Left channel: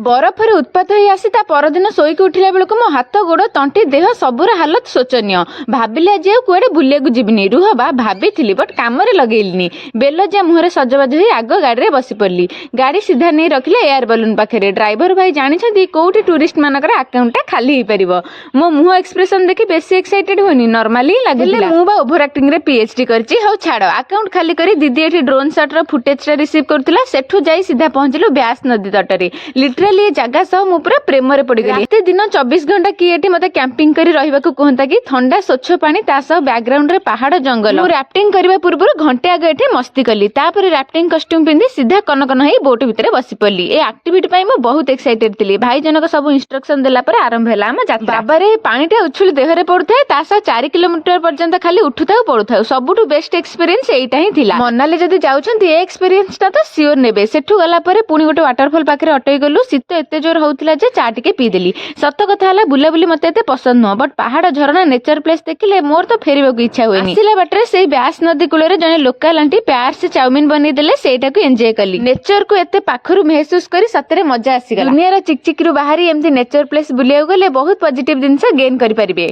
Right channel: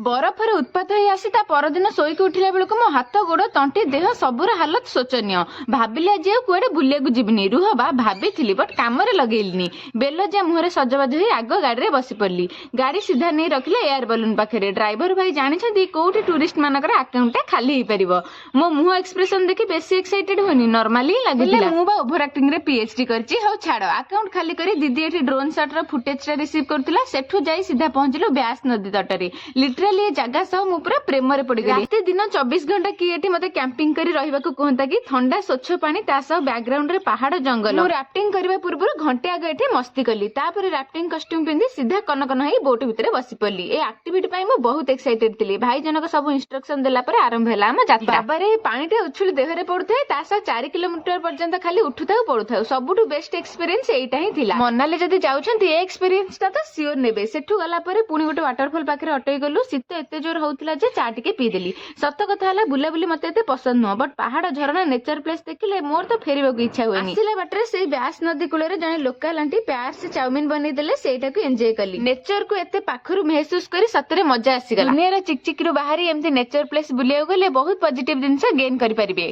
बरफरे उत्पात हो आसी ता परदिन शोईक उठिला बेलू मो हाथ गोड़ तंटी देह सबुर हालत शोचनीय भाविली आज कुआडे बुलिया जीवनी रुह बा भाभी बट कम लगेली बेलजिया मुहर सजबाज हो आग गाड़ी में बसी पड़ी गाड़ी सीधा नहीं रखिले एयर बलून पाखे ड्राइवर भाई जानते कौटी टूरिस्ट मानकर आकाउंटा खाली हो पार मो मुह एक्सप्रेशन देखी बेसी एक्साइटेड होनी नॉर्मली ही लगे ओभर एक्टिंग रे पीएचडी करछि हौ छाड़ अकाउंट खाली करी दीदी एठी ड्रोन शॉट रो फुटेज रिसीव करथिला सेठू जाई सीधा पहुंचलु ब्यास नदी तटरे लिटराली ये जगह सह मु पूरा प्रेम रे पड़ी गली एते दिन 24 घंटा की एठी मते कैंपिंग करी रहिबा को कहंता कि ठंडा स्वच्छ पानी ता सह बैकग्राउंड रे पहाड़ जंगल मु राफ्टिंग करबा पूर्व घंटे आगे एठी मस्ती कली तापर राफ्टिंग कॉस्ट्यूम पिंदी सीधा कनकन हेई बोट भितरे बसी पड़ली ए एक्टिविटी पई मु बहुत एक्साइटेड थिली भाई जनक सब इंस्ट्रक्शन देला पर आरंभ हैला हम यात्रा बाबा रे पानीटा उछुली देहरे पड़ुथे ता सह 4 किलोमीटर पर्यंत खाली उठुथाउ पड़ुथाउ सबुठु बेस्ट एक्सपीरियंस एइटा ही थिला मनाली जदी जाउछंती ए एक्सपीरियंस ता तो सियोर नेबे सेठू गला पर पुनी गोटे वाटरफॉल पाखरे अटई गलु शीत एते जोर होउथिला जे चा टिके पीदेली सत कथा हला बुलाबुली मते एते पसंद नो बट पहाड़ झरणा नेचर प्लेस देखिले मोर तो फेरिबा को इच्छा होएनी आसिला बाटरे सेई ब्यास नदी कुळे जने लोकल आंटी प्यार से चाउमीन बनी देले सेटा को एन्जॉय कली नेचर को एते पाखरु महसूस करी सतरे मजा आसी गला दुनिया रा चिकचिक रु बाहरी एमती नेचर प्लेस बुलिया गले बहुत पॉजिटिव दिन से गेन करि परिबे।